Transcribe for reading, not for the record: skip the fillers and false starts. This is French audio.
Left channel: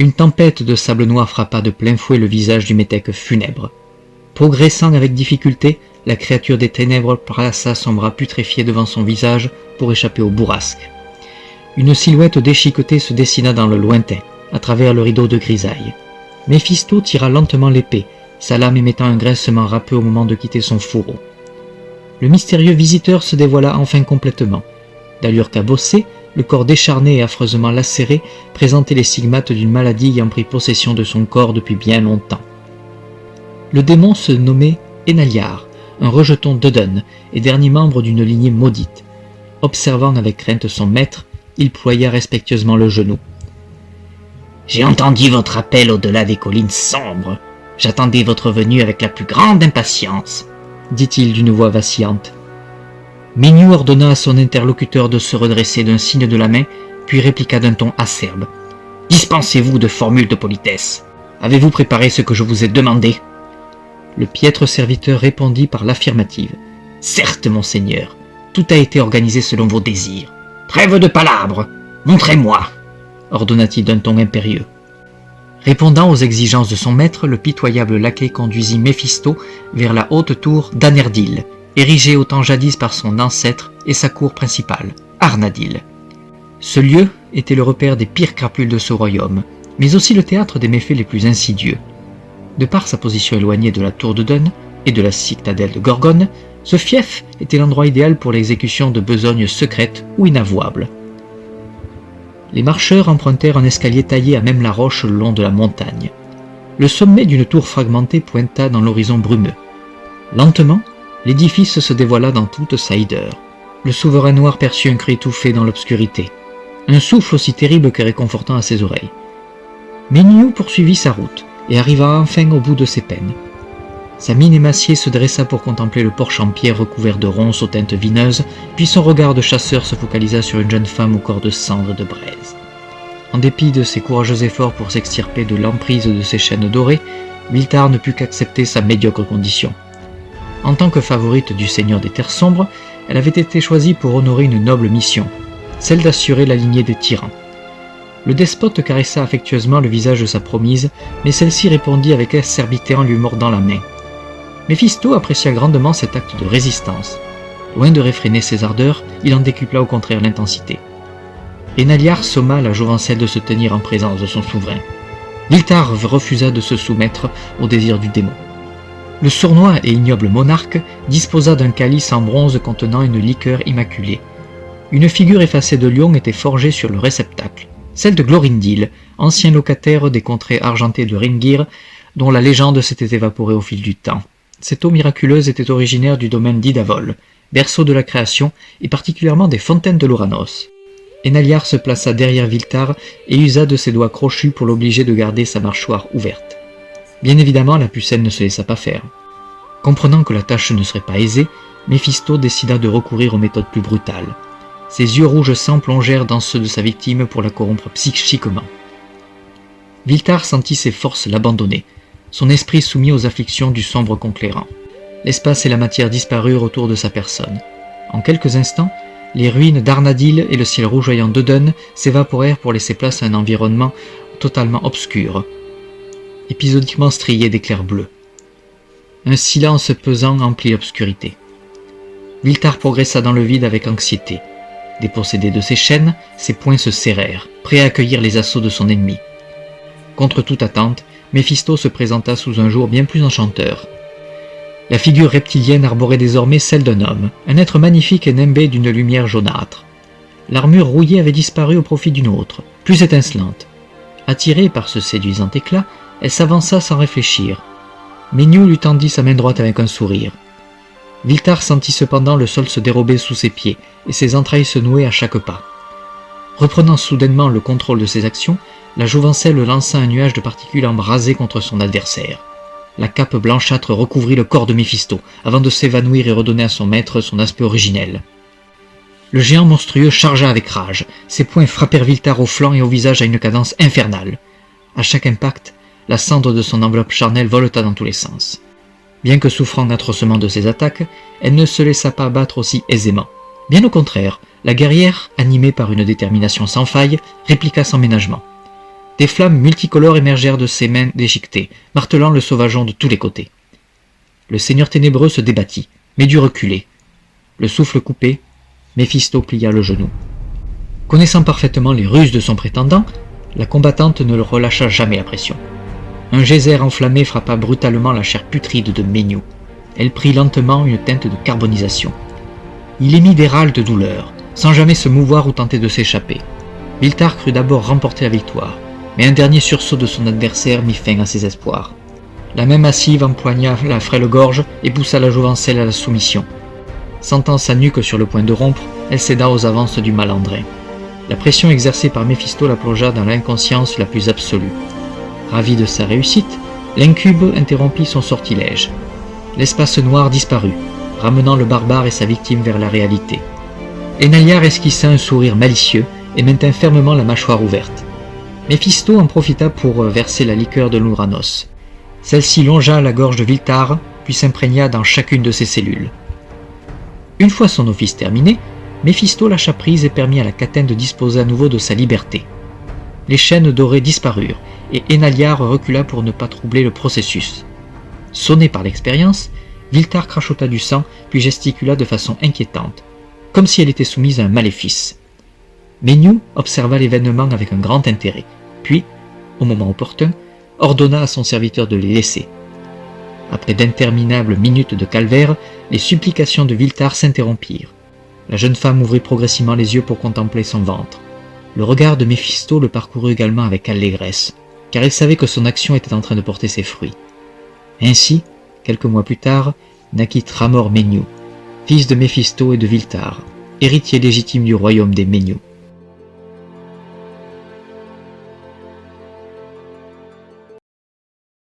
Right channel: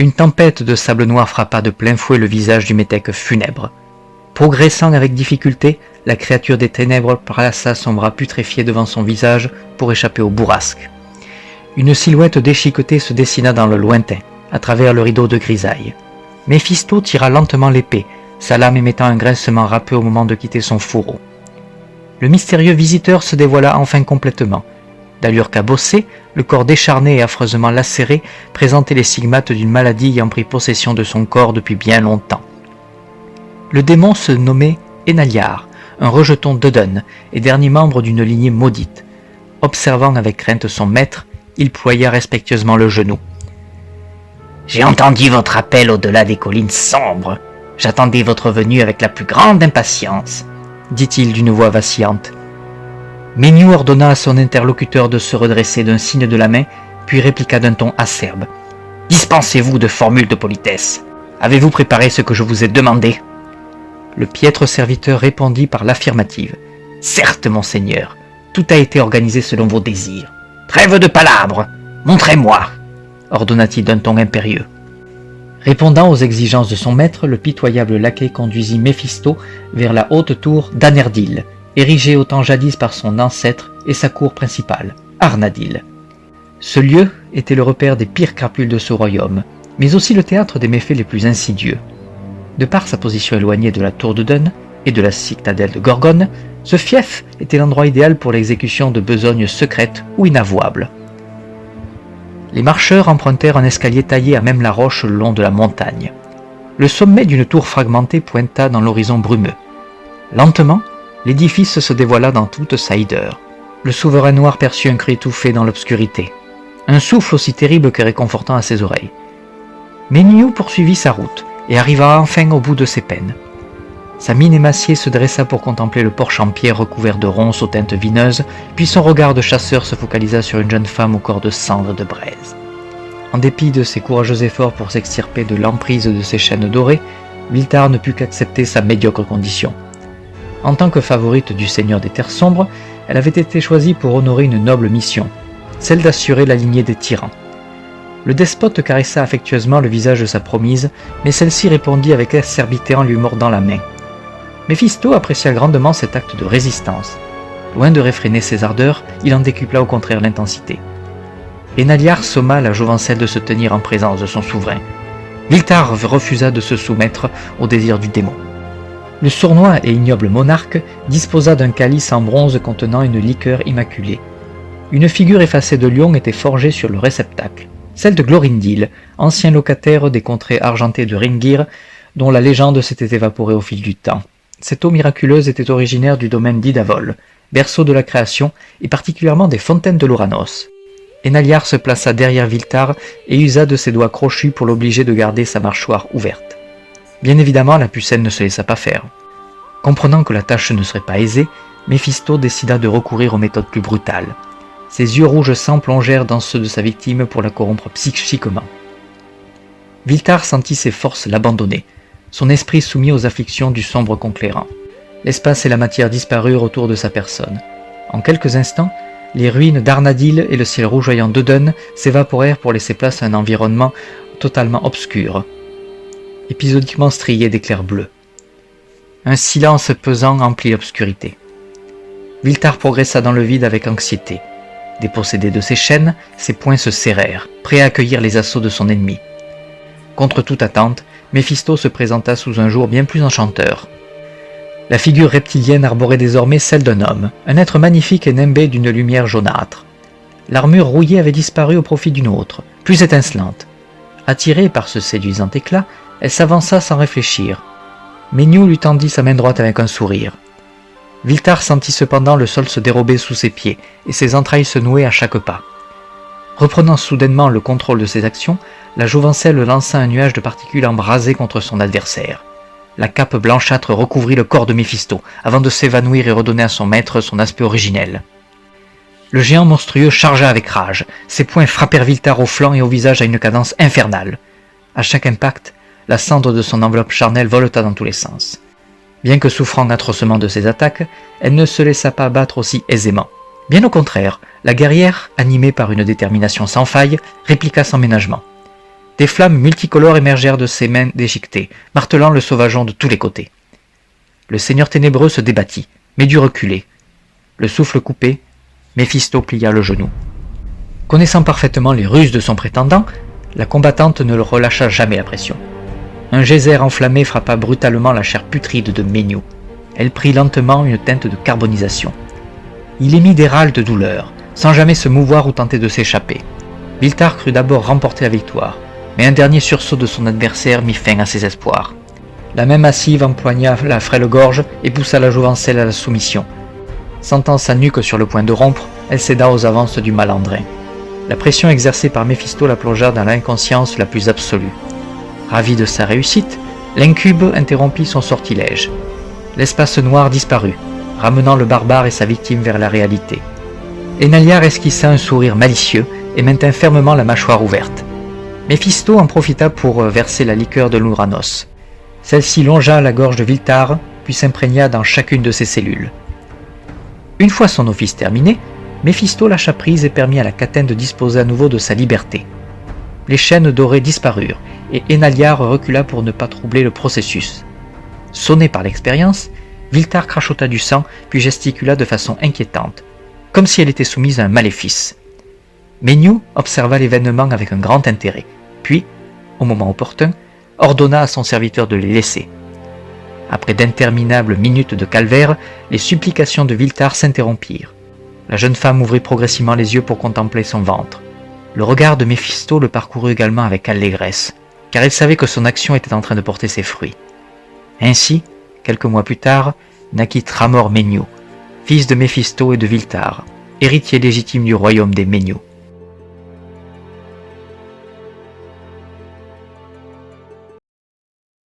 Une tempête de sable noir frappa de plein fouet le visage du métèque funèbre. Progressant avec difficulté, la créature des ténèbres plaça son bras putréfié devant son visage pour échapper au bourrasque. Une silhouette déchiquetée se dessina dans le lointain, à travers le rideau de grisaille. Méphisto tira lentement l'épée, sa lame émettant un grincement râpeux au moment de quitter son fourreau. Le mystérieux visiteur se dévoila enfin complètement. D'allure cabossée, le corps décharné et affreusement lacéré présentait les stigmates d'une maladie ayant pris possession de son corps depuis bien longtemps. Le démon se nommait Enaliar, un rejeton d'Odin et dernier membre d'une lignée maudite. Observant avec crainte son maître, il ploya respectueusement le genou. « J'ai entendu votre appel au-delà des collines sombres. J'attendais votre venue avec la plus grande impatience, » dit-il d'une voix vacillante. Méniou ordonna à son interlocuteur de se redresser d'un signe de la main, puis répliqua d'un ton acerbe. « Dispensez-vous de formules de politesse. Avez-vous préparé ce que je vous ai demandé ?» Le piètre serviteur répondit par l'affirmative. « Certes, monseigneur, tout a été organisé selon vos désirs. Trêve de palabres, montrez-moi !» ordonna-t-il d'un ton impérieux. Répondant aux exigences de son maître, le pitoyable laquais conduisit Méphisto vers la haute tour d'Anerdil, érigée autant jadis par son ancêtre et sa cour principale, Arnadil. Ce lieu était le repère des pires crapules de ce royaume, mais aussi le théâtre des méfaits les plus insidieux. De par sa position éloignée de la tour de Dun et de la citadelle de Gorgone, ce fief était l'endroit idéal pour l'exécution de besognes secrètes ou inavouables. Les marcheurs empruntèrent un escalier taillé à même la roche le long de la montagne. Le sommet d'une tour fragmentée pointa dans l'horizon brumeux. Lentement, l'édifice se dévoila dans toute sa hideur. Le souverain noir perçut un cri étouffé dans l'obscurité, un souffle aussi terrible que réconfortant à ses oreilles. Méniou poursuivit sa route et arriva enfin au bout de ses peines. Sa mine émaciée se dressa pour contempler le porche en pierre recouvert de ronces aux teintes vineuses, puis son regard de chasseur se focalisa sur une jeune femme au corps de cendre de braise. En dépit de ses courageux efforts pour s'extirper de l'emprise de ses chaînes dorées, Viltar ne put qu'accepter sa médiocre condition. En tant que favorite du seigneur des terres sombres, elle avait été choisie pour honorer une noble mission, celle d'assurer la lignée des tyrans. Le despote caressa affectueusement le visage de sa promise, mais celle-ci répondit avec acerbité en lui mordant la main. Méphisto apprécia grandement cet acte de résistance. Loin de réfréner ses ardeurs, il en décupla au contraire l'intensité. Enaliar somma la jovencelle de se tenir en présence de son souverain. Viltar refusa de se soumettre au désir du démon. Le sournois et ignoble monarque disposa d'un calice en bronze contenant une liqueur immaculée. Une figure effacée de lion était forgée sur le réceptacle, celle de Glorindil, ancien locataire des contrées argentées de Ringir, dont la légende s'était évaporée au fil du temps. Cette eau miraculeuse était originaire du domaine d'Idavol, berceau de la création et particulièrement des fontaines de l'Ouranos. Enaliar se plaça derrière Viltar et usa de ses doigts crochus pour l'obliger de garder sa mâchoire ouverte. Bien évidemment, la pucelle ne se laissa pas faire. Comprenant que la tâche ne serait pas aisée, Méphisto décida de recourir aux méthodes plus brutales. Ses yeux rouges sang plongèrent dans ceux de sa victime pour la corrompre psychiquement. Viltar sentit ses forces l'abandonner, son esprit soumis aux afflictions du sombre conclérant. L'espace et la matière disparurent autour de sa personne. En quelques instants, les ruines d'Arnadil et le ciel rougeoyant d'Odun s'évaporèrent pour laisser place à un environnement totalement obscur, épisodiquement strié d'éclairs bleus. Un silence pesant emplit l'obscurité. Viltar progressa dans le vide avec anxiété. Dépossédé de ses chaînes, ses poings se serrèrent, prêts à accueillir les assauts de son ennemi. Contre toute attente, Méphisto se présenta sous un jour bien plus enchanteur. La figure reptilienne arborait désormais celle d'un homme, un être magnifique et nimbé d'une lumière jaunâtre. L'armure rouillée avait disparu au profit d'une autre, plus étincelante. Attirée par ce séduisant éclat, elle s'avança sans réfléchir. Méniou lui tendit sa main droite avec un sourire. Viltar sentit cependant le sol se dérober sous ses pieds et ses entrailles se nouer à chaque pas. Reprenant soudainement le contrôle de ses actions, la jouvencelle lança un nuage de particules embrasées contre son adversaire. La cape blanchâtre recouvrit le corps de Méphisto, avant de s'évanouir et redonner à son maître son aspect originel. Le géant monstrueux chargea avec rage. Ses poings frappèrent Viltar au flanc et au visage à une cadence infernale. À chaque impact, la cendre de son enveloppe charnelle voleta dans tous les sens. Bien que souffrant atrocement de ses attaques, elle ne se laissa pas abattre aussi aisément. Bien au contraire, la guerrière, animée par une détermination sans faille, répliqua sans ménagement. Des flammes multicolores émergèrent de ses mains déchiquetées, martelant le sauvageon de tous les côtés. Le seigneur ténébreux se débattit, mais dut reculer. Le souffle coupé, Méphisto plia le genou. Connaissant parfaitement les ruses de son prétendant, la combattante ne le relâcha jamais la pression. Un geyser enflammé frappa brutalement la chair putride de Méniou. Elle prit lentement une teinte de carbonisation. Il émit des râles de douleur, sans jamais se mouvoir ou tenter de s'échapper. Viltar crut d'abord remporter la victoire, mais un dernier sursaut de son adversaire mit fin à ses espoirs. La main massive empoigna la frêle gorge et poussa la jouvencelle à la soumission. Sentant sa nuque sur le point de rompre, elle céda aux avances du malandrin. La pression exercée par Méphisto la plongea dans l'inconscience la plus absolue. Ravi de sa réussite, l'incube interrompit son sortilège. L'espace noir disparut, ramenant le barbare et sa victime vers la réalité. Enaliar esquissa un sourire malicieux et maintint fermement la mâchoire ouverte. Méphisto en profita pour verser la liqueur de l'Ouranos. Celle-ci longea la gorge de Viltar, puis s'imprégna dans chacune de ses cellules. Une fois son office terminé, Méphisto lâcha prise et permit à la Catène de disposer à nouveau de sa liberté. Les chaînes dorées disparurent, et Enaliar recula pour ne pas troubler le processus. Sonné par l'expérience, Viltar crachota du sang, puis gesticula de façon inquiétante, comme si elle était soumise à un maléfice. Méniou observa l'événement avec un grand intérêt, puis, au moment opportun, ordonna à son serviteur de les laisser. Après d'interminables minutes de calvaire, les supplications de Viltar s'interrompirent. La jeune femme ouvrit progressivement les yeux pour contempler son ventre. Le regard de Méphisto le parcourut également avec allégresse, car il savait que son action était en train de porter ses fruits. Ainsi, quelques mois plus tard, naquit Tramor Méniou, fils de Méphisto et de Viltar, héritier légitime du royaume des Méniou.